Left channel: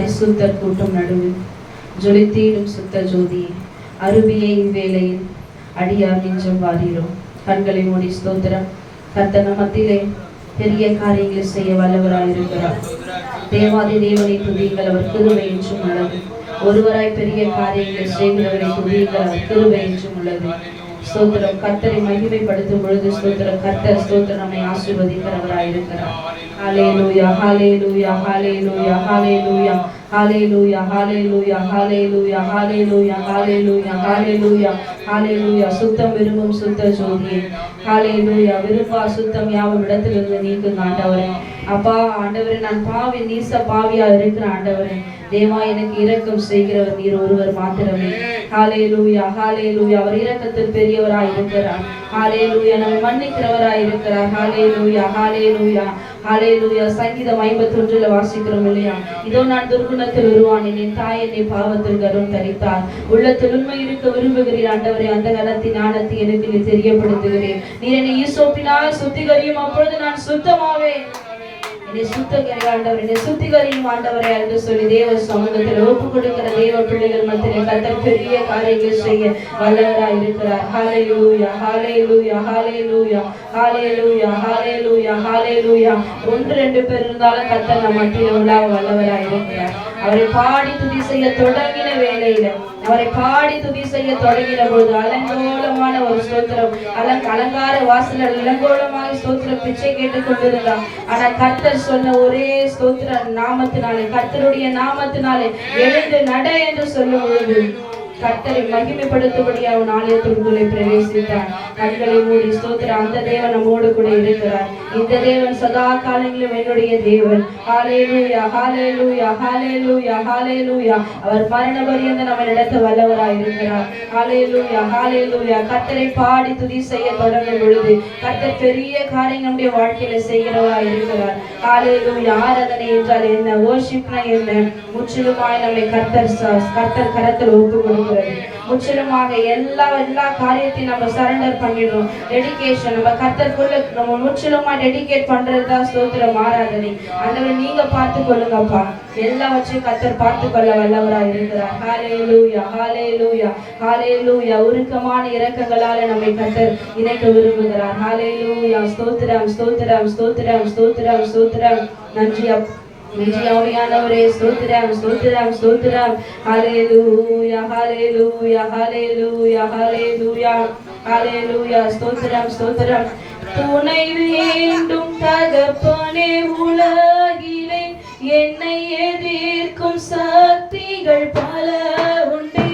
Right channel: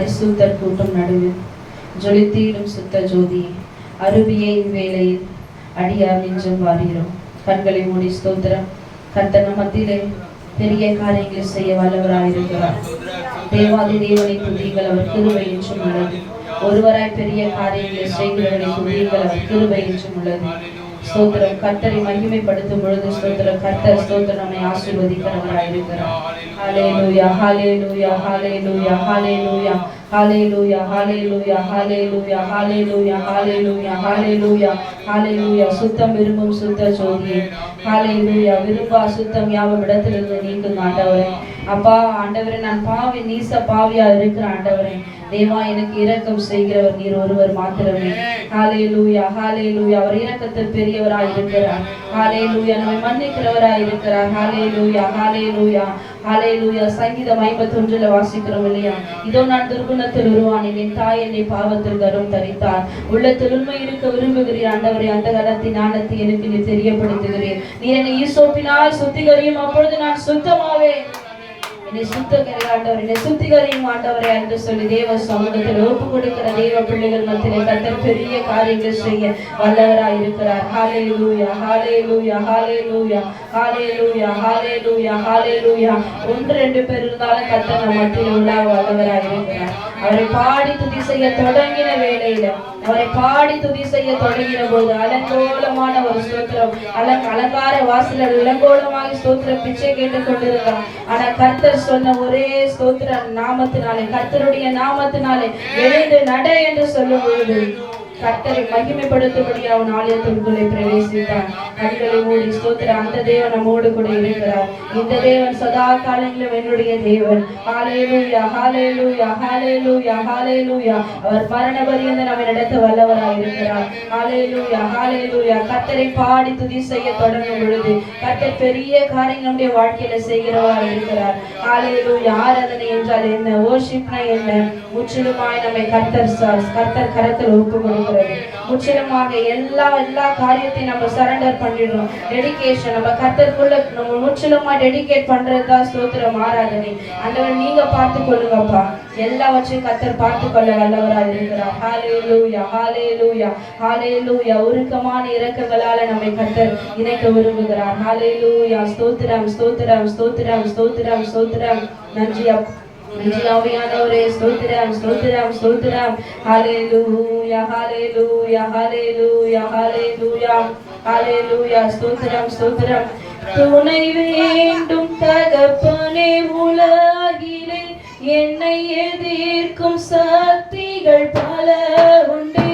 பரிசுத்தர் கூட்டம் நடுவில் ஜொலித்தீடும் சுத்த ஜோதி அருவியை வேளையில் அடியார் நெஞ்சம் வாரீரும். கண்களை மூடி ஸ்தோத்திரம். கர்த்தர் மத்தியிலே பெரிய காரியங்களை செய்ய வல்லவராயிருக்கிறார். தேவாதி தேவனை துதியுங்கள், அவர் கிருபை என்றும் உள்ளது. ஒருவராய் பெரிய காரியங்களை செய்கிறவரை துதியுங்கள், அவர் கிருபை என்றும் உள்ளது. ஸ்தோத்திரம். கர்த்தரை மகிமைப்படுத்தும் பொழுது ஸ்தோத்திரம். கர்த்தர் ஸ்தோத்திரம் நம்மை ஆசீர்வதிக்கிறவராயிருக்கிறார். ஹல்லேலூயா, ஹல்லேலூயா, ஹல்லேலூயா, ஹல்லேலூயா, ஹல்லேலூயா, ஹல்லேலூயா, ஹல்லேலூயா, ஹல்லேலூயா, ஹல்லேலூயா, ஹல்லேலூயா, ஹல்லேலூயா. சுத்தம் விரும்பும் சுத்த ஜோதியே, ஹல்லேலூயா. விரும்பா சுத்தம் யாவும் இடத்திலிருந்து நீக்குங்க ஆண்டவரே. அப்பா ஆண்டவரே, நான் பாவி நீச பாவியா இருக்கிற ஆண்டவரே, தேவா எனக்கு இரக்கம் செய்கிறவர் நீர் ஒருவர் மாத்திரமே. ஹல்லேலூயா, ஹல்லேலூயா. அவர் இரக்கத்தில் பெரியவராய் இருக்கிறார். ஹல்லேலூயா. நம்மை மன்னிக்கிறவராய் இருக்கிறார். ஹல்லேலூயா, ஹல்லேலூயா, ஹல்லேலூயா. சங்கீதம் 51 வாசிக்கிறோம் இல்லையா? இதோ நான் துர்குணத்தில் உருவானேன், என் தாய் என்னை பாவத்தில் கரும் தரித்தார். உள்ளத்தில் உண்மை இருக்க விரும்புகிறீர் ஆண்டவரே. அந்த கலத்தின் ஞானத்தை எனக்கு நீ தெரியப்படுத்துகிறேன். நீர் என்னை ஈசோப்பினால் சுத்திகரியும், அப்பொழுது நான் சுத்தமாவேன். என்னை சுத்தகரி ஆண்டவர், என்னை சுத்திகரியும் ஆண்டவரே என்று சொல்லி தேவ சமூகத்தில் ஒப்பு கொடுக்கிற தேவ பிள்ளைகள் மத்தியிலே கர்த்தர் பெரிய காரியங்கள் செய்ய வல்லவராய் இருக்கிறார். ஹல்லேலூயா, ஹல்லேலூயா, ஹல்லேலூயா, ஹல்லேலூயா, ஹல்லேலூயா, ஹல்லேலூயா. 1-2 பேர் இருந்தாலும் கர்த்தர் நம் மத்தியில் உள்ள வல்லவராய் இருக்கிறார். அவரை பாடி துதி செய்ய தொடங்கின வேளையில, அவரை பாடி துதி செய்ய தொடங்கின போது அலங்கோலமான ஒரு ஸ்தோத்திரம், அலங்கார வாசலர் இளங்கோலமாக ஸ்தோத்திரம் பிச்சை கேட்டுக் கொண்டிருந்தார். ஆனா கர்த்தர் சொன்ன ஒரே ஸ்தோத்திர நாமத்தினாலே, கர்த்தருடைய நாமத்தினாலே எழுந்து நட என்று சொல்லும் பொழுது கர்த்தரை மகிமைப்படுத்தும்படி அவன் ஆலயத்திற்குள்ளே பிரவேசித்தான். கண்களை மூடி ஸ்தோத்திர. அந்த தேவன் நம்மோடு கூட இருக்கிறார். இந்த தேவன் சதா காலங்களிலும் என்னுடைய தேவன். ஹல்லேலூயா, ஹல்லேலூயா, ஹல்லேலூயா, ஹல்லேலூயா. அவர் மரண பரியந்த நம்ம நடத்த வல்லவராய் இருக்கிறார். ஹல்லேலூயா, ஹல்லேலூயா. கர்த்தரை பாடி துதி செய்ய தொடங்கும் பொழுது கர்த்தர் பெரிய காரியம் நம்முடைய வாழ்க்கையில செய்கிறவராய் இருக்கிறார். ஹல்லேலூயா. ஆராதனை என்றால் என்ன, வர்ஷிப்னா என்ன, முற்றிலுமாய் நம்மை கர்த்தர் கரத்தில் ஒப்பு கொடுக்கிறது. முற்றிலுமாக எல்லா காரியத்தையும் நம்ம சரண்டர் பண்ணிடுறோம். டெடிகேஷன் நம்ம கர்த்தருக்குள்ள நம்ம முற்றிலுமா டெடிகேட் பண்றதுதான் ஸ்தோத்திரம், ஆராதனை. ஆண்டவர் நீங்க பார்த்து கொள்ளுங்கப்பா, எல்லாவற்றையும் கர்த்தர் பார்த்து கொள்ள வல்லவராய் இருக்கிறார். ஹல்லேலூயா, ஹல்லேலூயா, ஹல்லேலூயா. உருக்கமான இரக்கங்களால நம்மை கர்த்தர் இணைக்க விரும்புகிறார். ஹல்லேலூயா. ஸ்தோத்திரம், ஸ்தோத்திரம், ஸ்தோத்திரம், ஸ்தோத்திரம், ஸ்தோத்திரம். நன்றி ஆவியானவரே. ஸ்தோத்திரம், ஸ்தோத்திரம், ஸ்தோத்திரம். ஹல்லேலூயா, ஹல்லேலூயா, ஹல்லேலூயா, ஹல்லேலூயா, ஹல்லேலூயா. ஸ்தோத்திரம், ஸ்தோத்திரம். துணை வேண்டும் தகப்பனே, உலகிலே என்னை எதிர்க்கும் சக்திகள் பல உண்டு.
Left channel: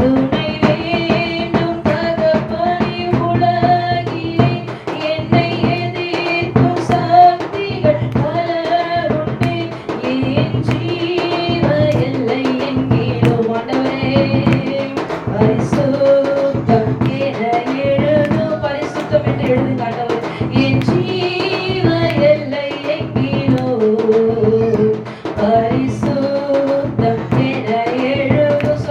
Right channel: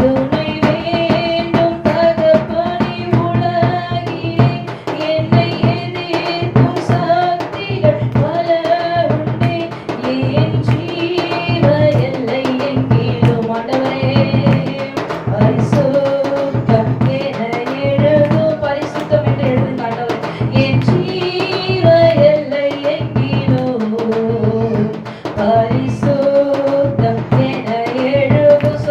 துணை வேண்டும் தகப்பனே, உலகிலே என்னை எதிர்க்கும் சக்திகள் பல உண்டு. என் ஜீவ எல்லை எங்கிலும் ஆண்டவரே பரிசுத்தம் என எழுதும். பரிசுத்தம் என்று எழுதுங்க ஆண்டவரே. என் ஜீவ எல்லை எங்கிலும் பரிசுத்தம் என எழுதும்.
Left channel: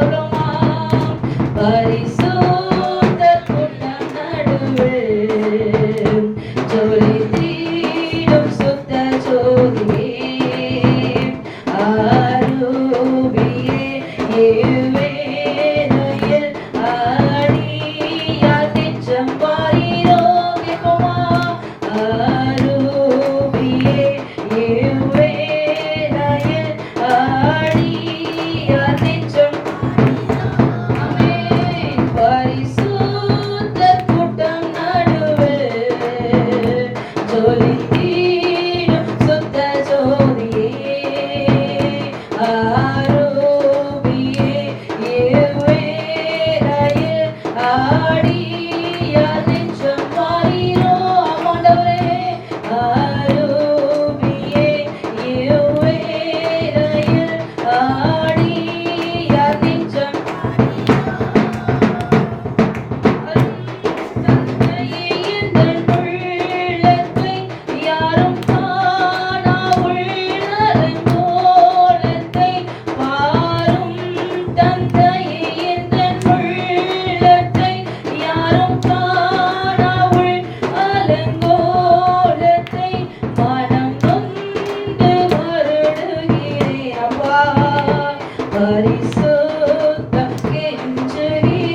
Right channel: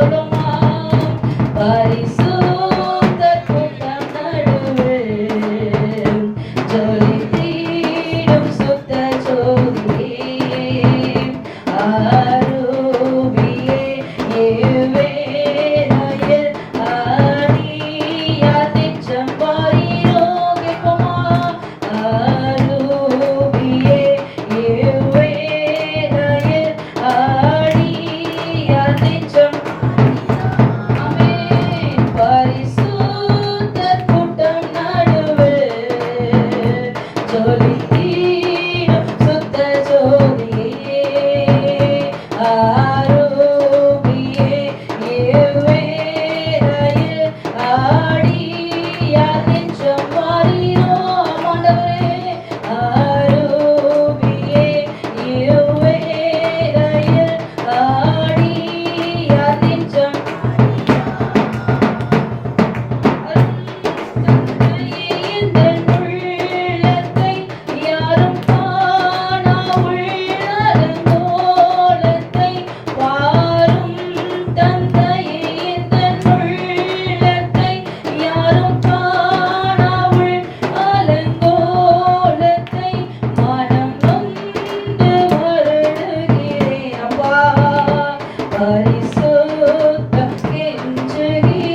பரிசுத்தம் கெஞ்சுகிறேன்,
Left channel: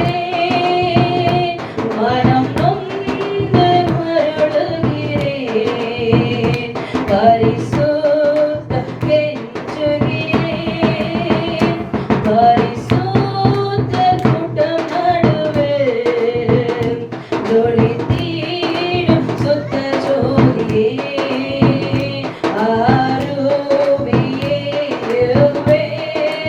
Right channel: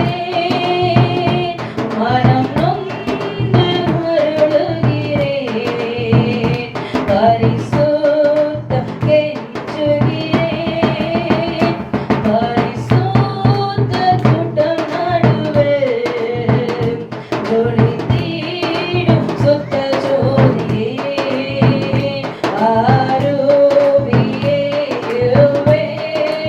மனம் நொந்து மருளுகிறேன். பரிசுத்தம் கெஞ்சுகிறேன், பரிசுத்த கூட்டம் நடுவே ஜொலித்திடும் சுத்த ஜோதியே, ஆருவியே இருவேளையில்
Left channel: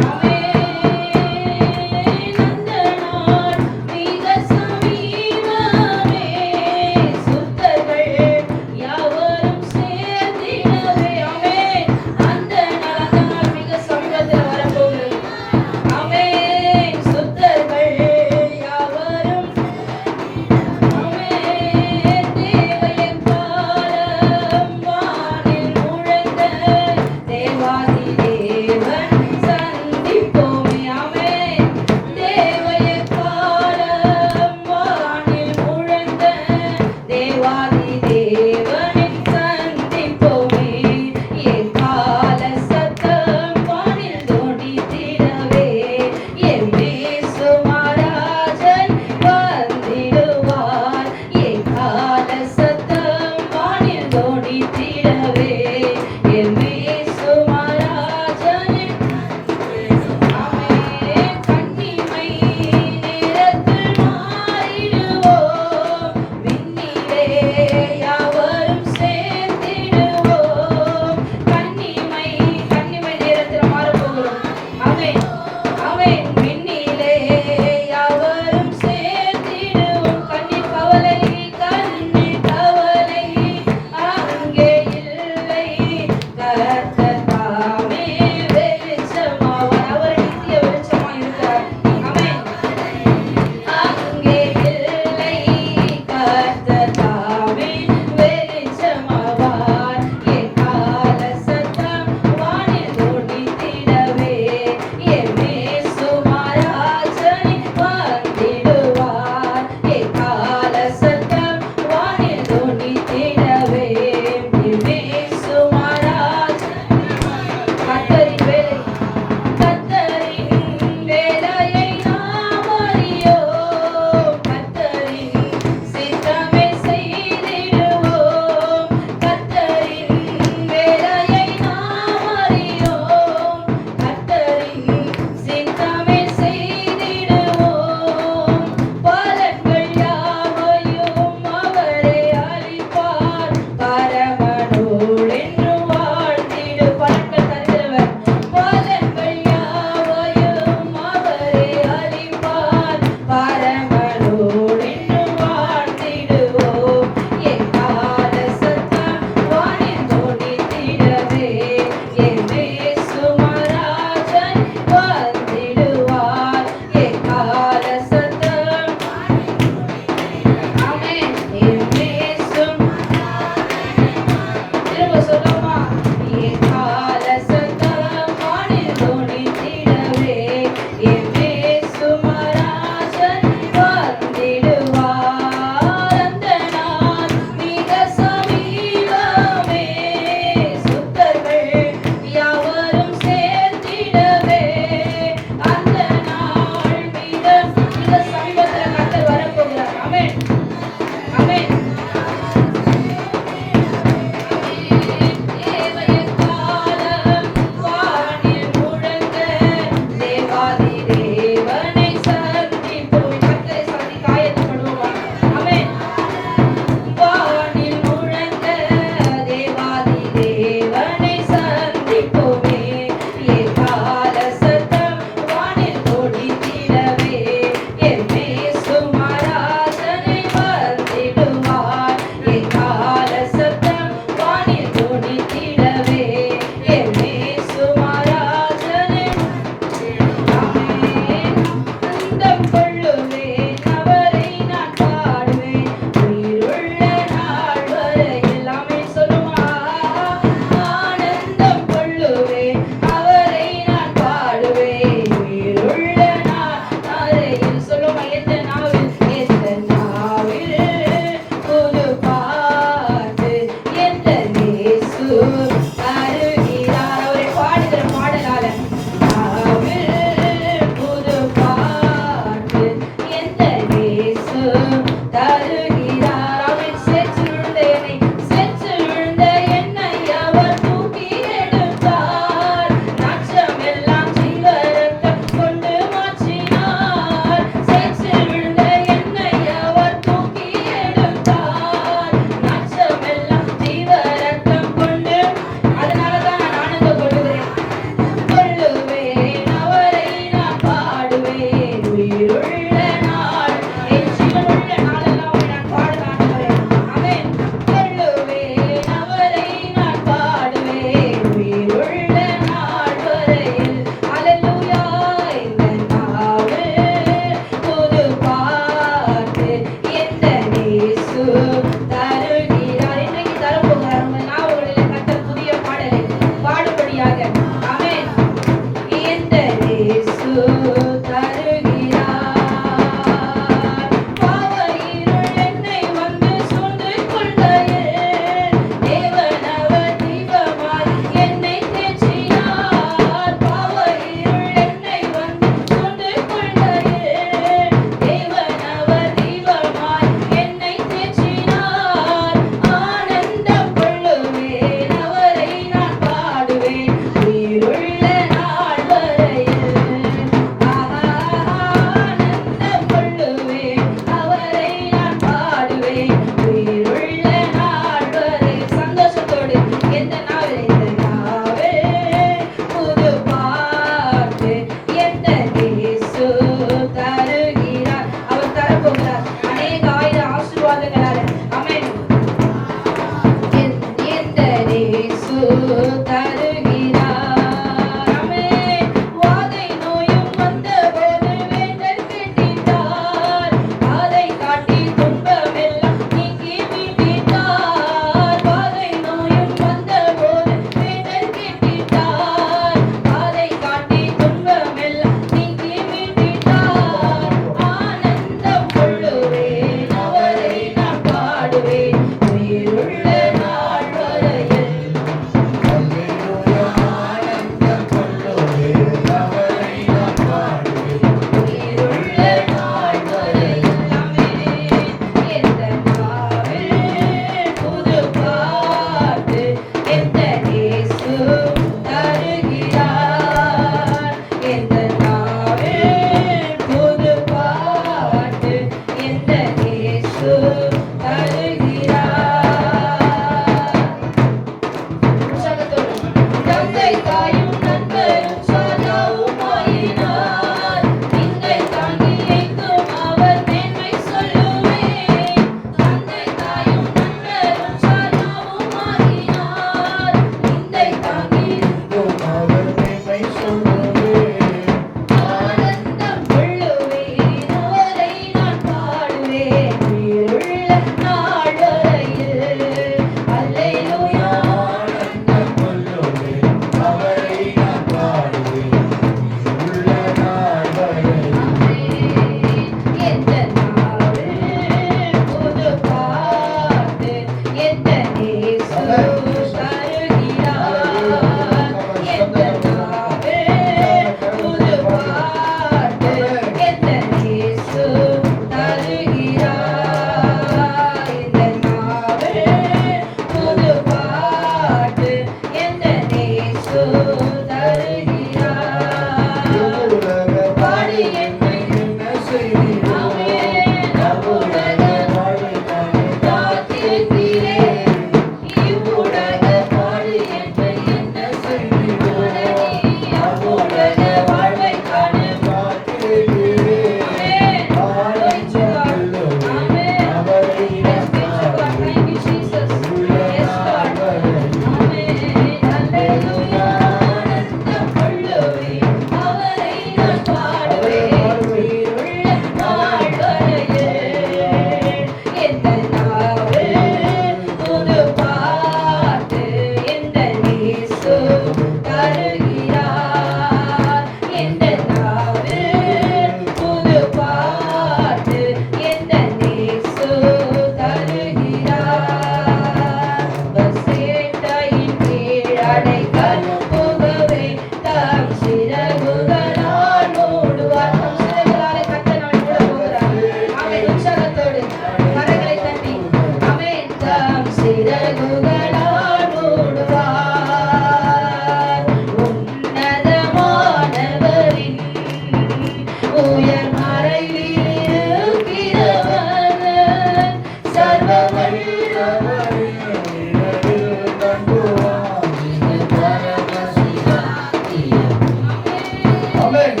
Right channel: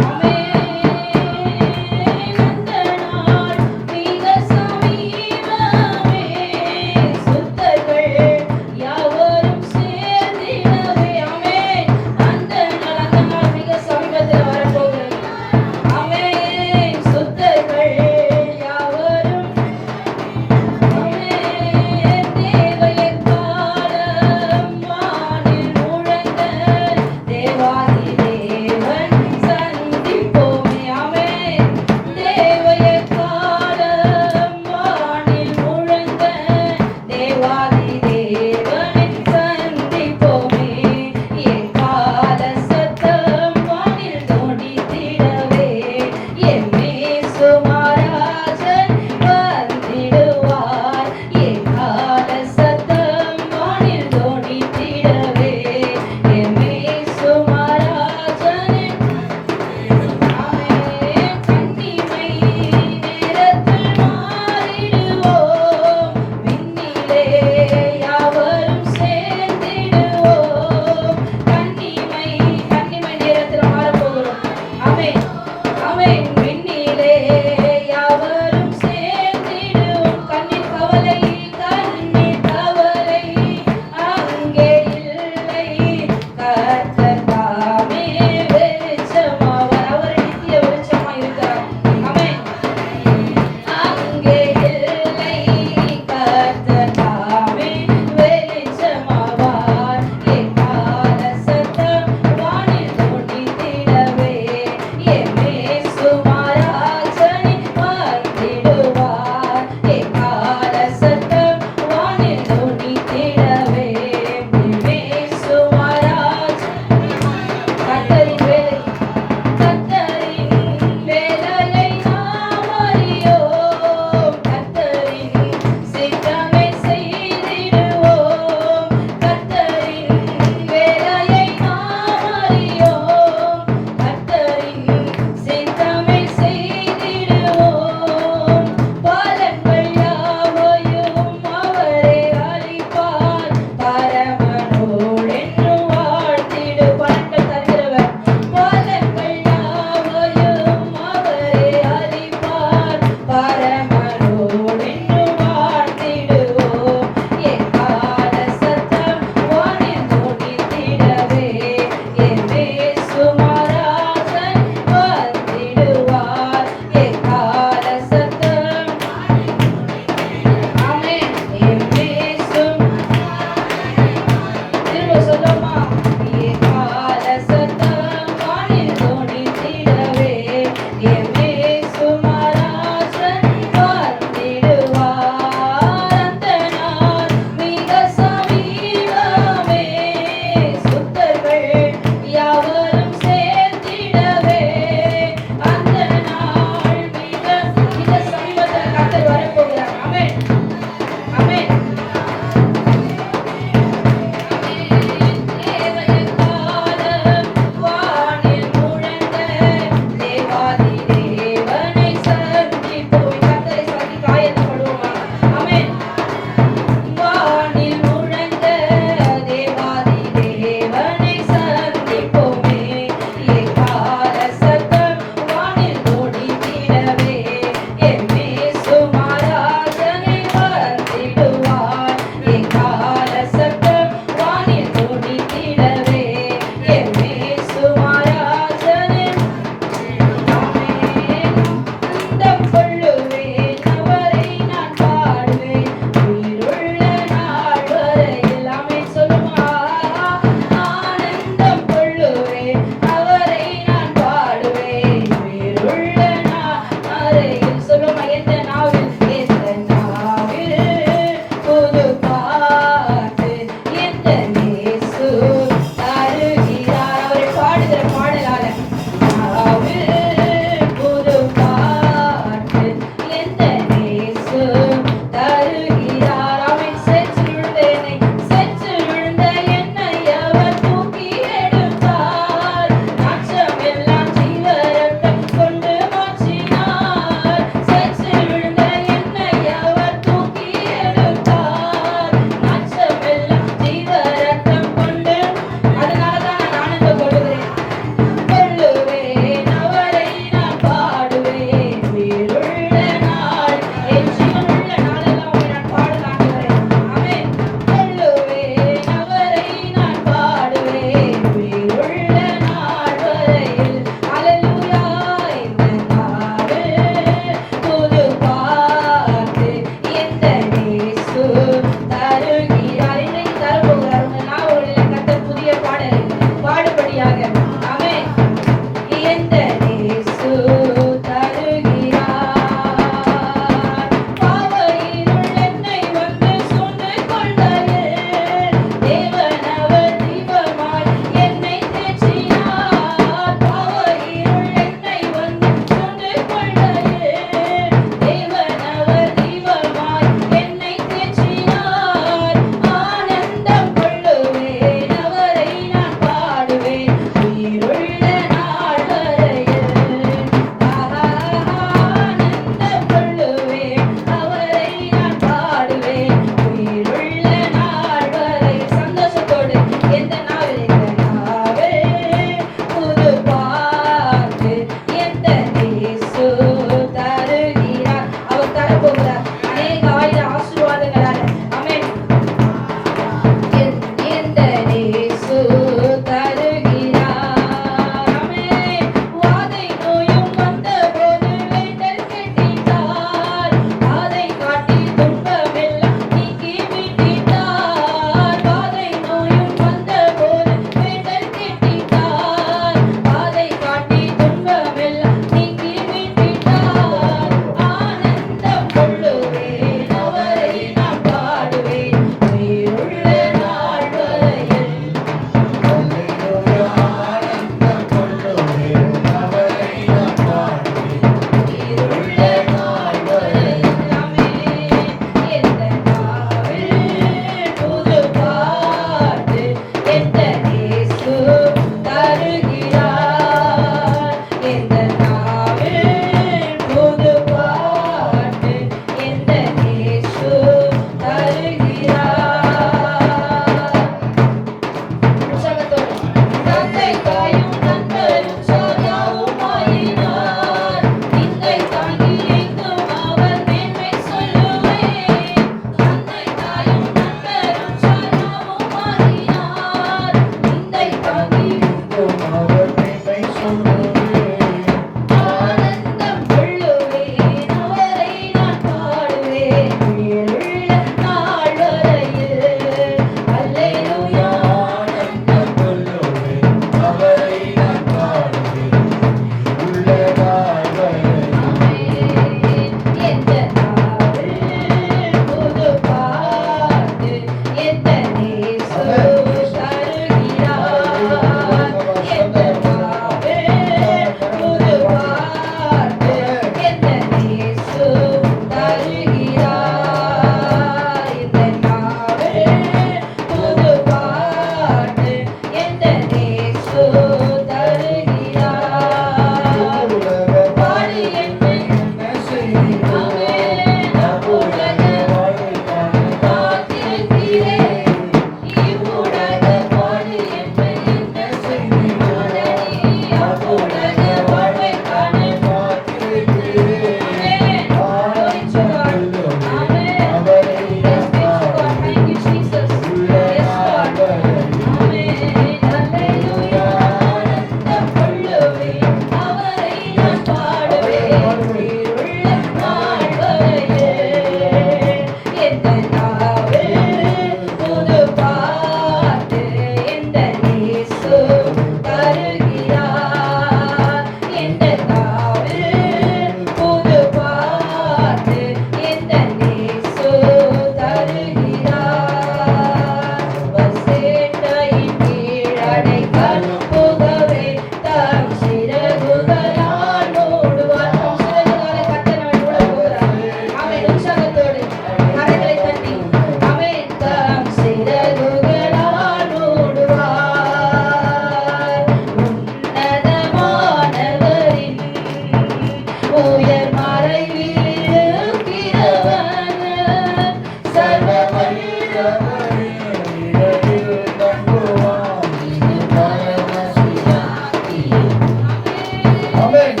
ஆமென்.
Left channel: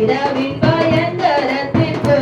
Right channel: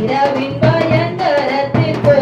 இரவின் பயங்கரத்திற்கும்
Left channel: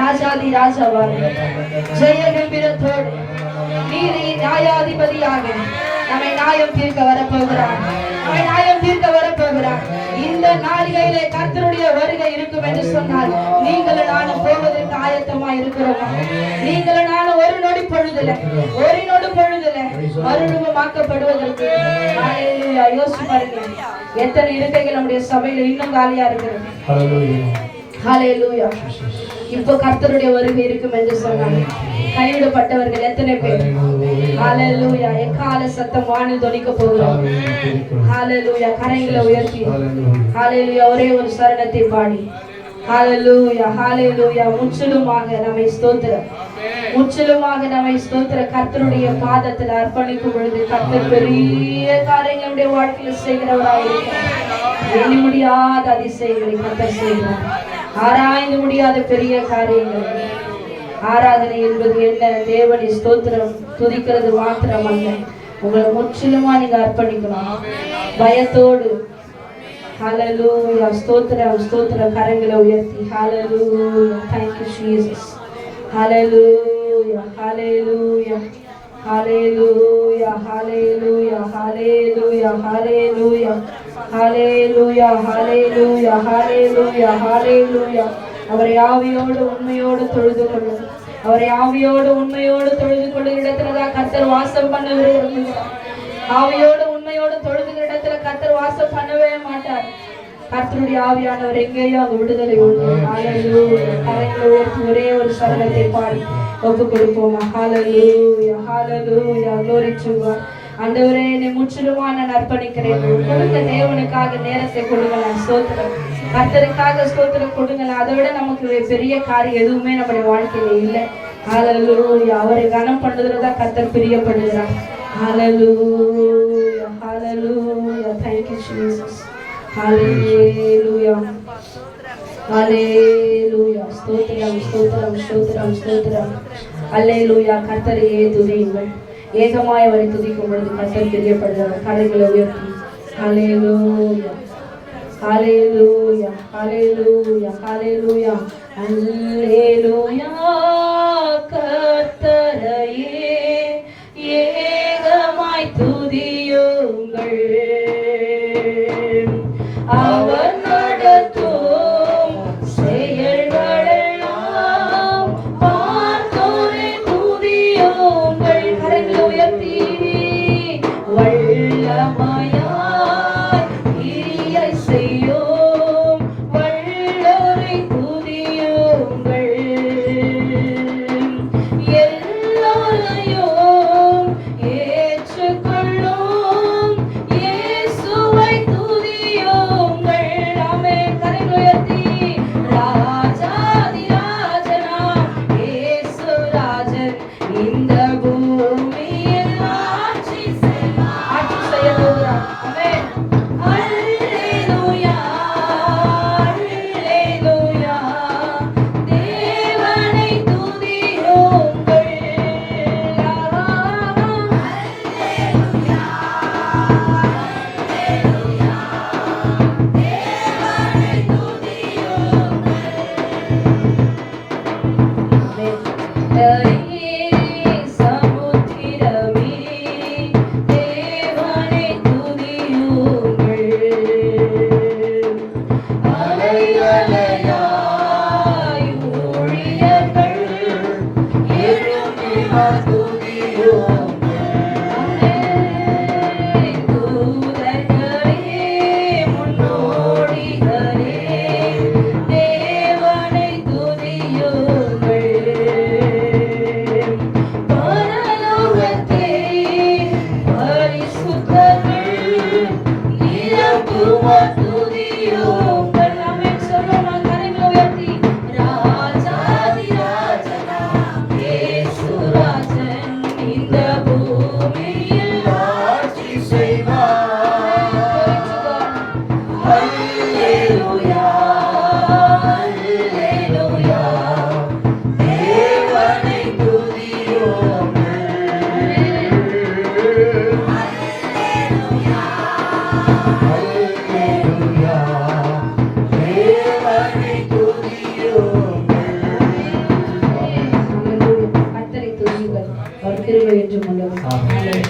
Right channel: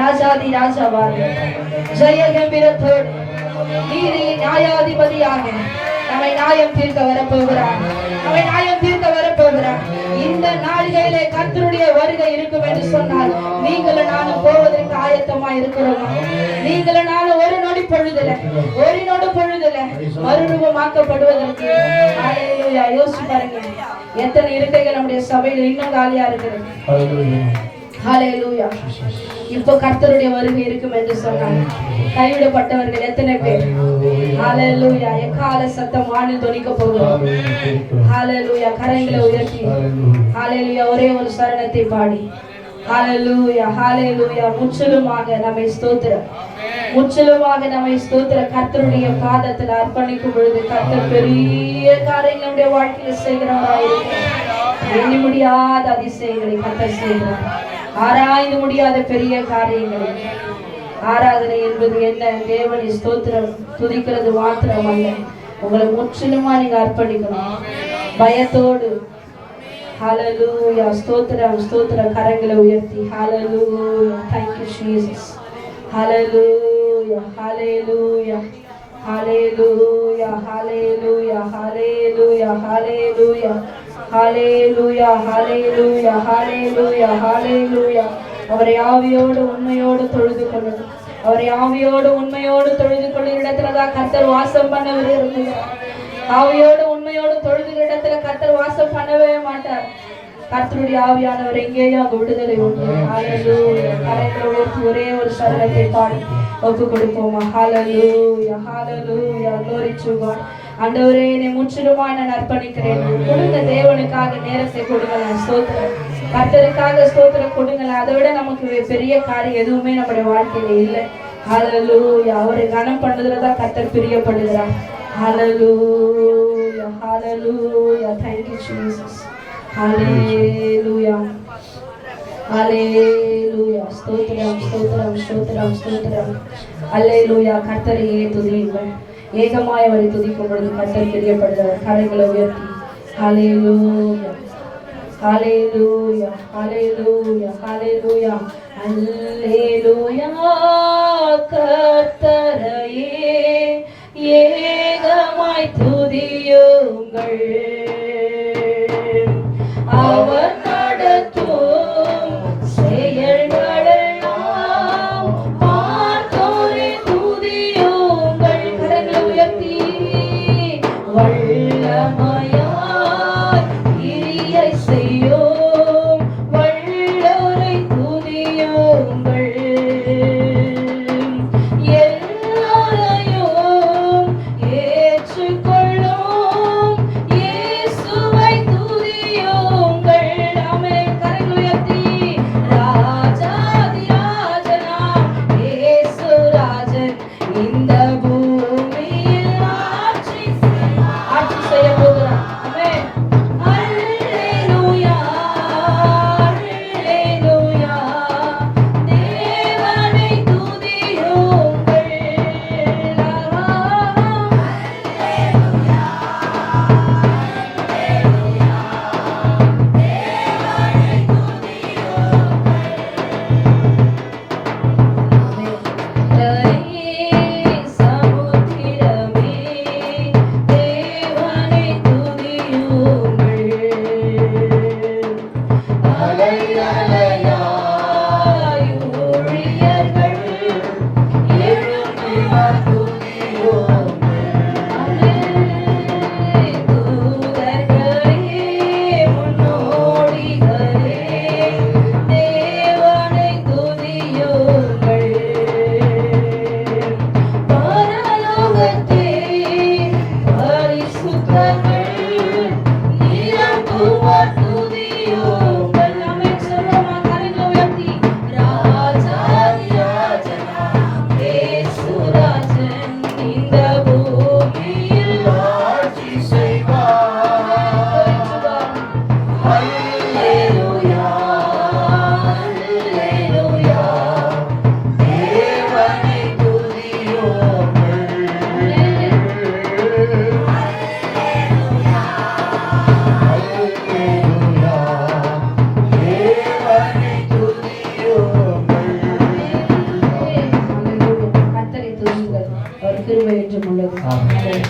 ராஜாதி ராஜாவாக ஜெய கம்பீரத்தோடு நீதி நியாயாதிபதியாக நம்மை நியாயம் தீர்க்க வரப்போகிறார். நம்மை நியாயம் தீர்க்க வரப்போகிறார். இந்த நாளிலே கர்த்தருடைய வருகை இருக்கும் என்று சொன்னால் நீங்களும் நானும் போவதற்கு ஆயத்தமா இருக்கிறோமா? நீங்களும் நானும் ஒரு நொடி பொழுதுல மறுரூபமாக்கப்படுவதற்கு யோசிச்சு பாருங்க. எத்தனை இருக்கைகள் நம்முடைய சபையில் இன்னும் காலியா இருக்கிறது. ஹல்லேலூயா. இப்போ கர்த்தருடைய வருகை இருக்கும் என்று சொன்னாங்க. கைவிடப்பட்டவர்கள் எத்தனை பேர்? ஹல்லேலூயா. எக்கால சத்தம் வானில் தொனிக்க போகிறோம். ஹல்லேலூயா. கரங்களை உயர்த்தி ஹல்லேலூயா ஒரே ஒரு சரணத்தை பாடி ஹல்லேலூயா ஹல்லேலூயா. முற்றிலுமாக நம்மை ஸ்தோத்திரம், முற்றிலுமாக நம்மை ஸ்தோத்திரம் கர்த்தருடைய பாதத்தில் அர்ப்பணிக்கும் பொழுது கர்த்தர் பெரிய காரியங்கள் நம்முடைய வாழ்க்கையில செய்கிறவராக இருக்கிறார். எண்ணி முடியாத அதிசயங்களை கர்த்தர் செய்கிறார். ஆராய்ந்து முடியாத பெரிய காரியங்கள். ஆராதனை என்பது என்ன? தேவனை ஸ்தோத்திரம் துதிக்கிறது மாத்திரம் அல்ல, உங்களை முற்றிலுமா நீங்க அர்ப்பணிக்கணும் பயத்தோடு. ஹல்லேலூயா. ஸ்தோத்திரம் ஸ்தோத்திரம். கரங்களை உயர்த்தி ஹல்லேலூயா. Thank you Jesus. ஹல்லேலூயா ஹல்லேலூயா ஹல்லேலூயா ஹல்லேலூயா ஹல்லேலூயா ஹல்லேலூயா ஹல்லேலூயா ஹல்லேலூயா ஹல்லேலூயா ஹல்லேலூயா. அவரை ஆவியோடு உண்மையோடு தொழுது கொள்ளும். அவரை ஆவியோடு உண்மையோடு தொழுது கொள்ளும் இடத்துலதான் கர்த்தர் வாசம் பண்ண விரும்புகிறார். ஆவியோடு உண்மையோடு தொழுதுகிற இடத்துல கர்த்தர் வாசம் பண்ணவே மாட்டார். கர்த்தருடைய ஆவியானவர் எங்கேயோ அங்கு விடுதலை உண்டு. ஹல்லேலூயா. கரங்களை உயர்த்தி ஒரே ஒரு சரணத்தை பாடி ஒப்பு கொடுப்போமா? ஹல்லேலூயா ஹல்லேலூயா. glory to God. ஆண்டவரே, என்னை முற்றிலுமாய் நான் அர்ப்பணிக்கிறேன். கொடுங்க, தேவனுக்காக நேரத்தை கொடுங்களேன். ஸ்தோத்திரம். கர்த்தருக்காக ஸ்தோத்திரம் கொடுங்களேன். அதை விட நமக்கு பெரிய காரியம் எதுவுமே நம்முடைய வாழ்க்கையில இல்லை. ஹல்லேலூயா. அவரை கனம் பண்ணுறதுலதான் கர்த்தர் பிரியப்படுகிறார். Hallelujah, hallelujah. Thank you, Jesus. Hallelujah, hallelujah. ஸ்தோத்திரம் ஸ்தோத்திரம் ஸ்தோத்திரம் ஸ்தோத்திரம். Hallelujah. கர்த்தரையே துதியுங்கள். ஏகமாய் அவரை துதிக்கும் பொழுது கர்த்தர் பிரியப்படுகிறார். கரங்களை உயர்த்தி Hallelujah, hallelujah, hallelujah, hallelujah, hallelujah. கர்த்தரையே ஏகமாய் துதியுங்கள். அவர் நடத்தும் செயல்களெல்லாம் பார்த்தோரை துதியுங்கள். கரங்களை உயர்த்தி வல்லமையாய் கிரியை செய்யும் வல்லவரை துதியுங்கள். கிருபை என்றும் உள்ளது. ஆமென்.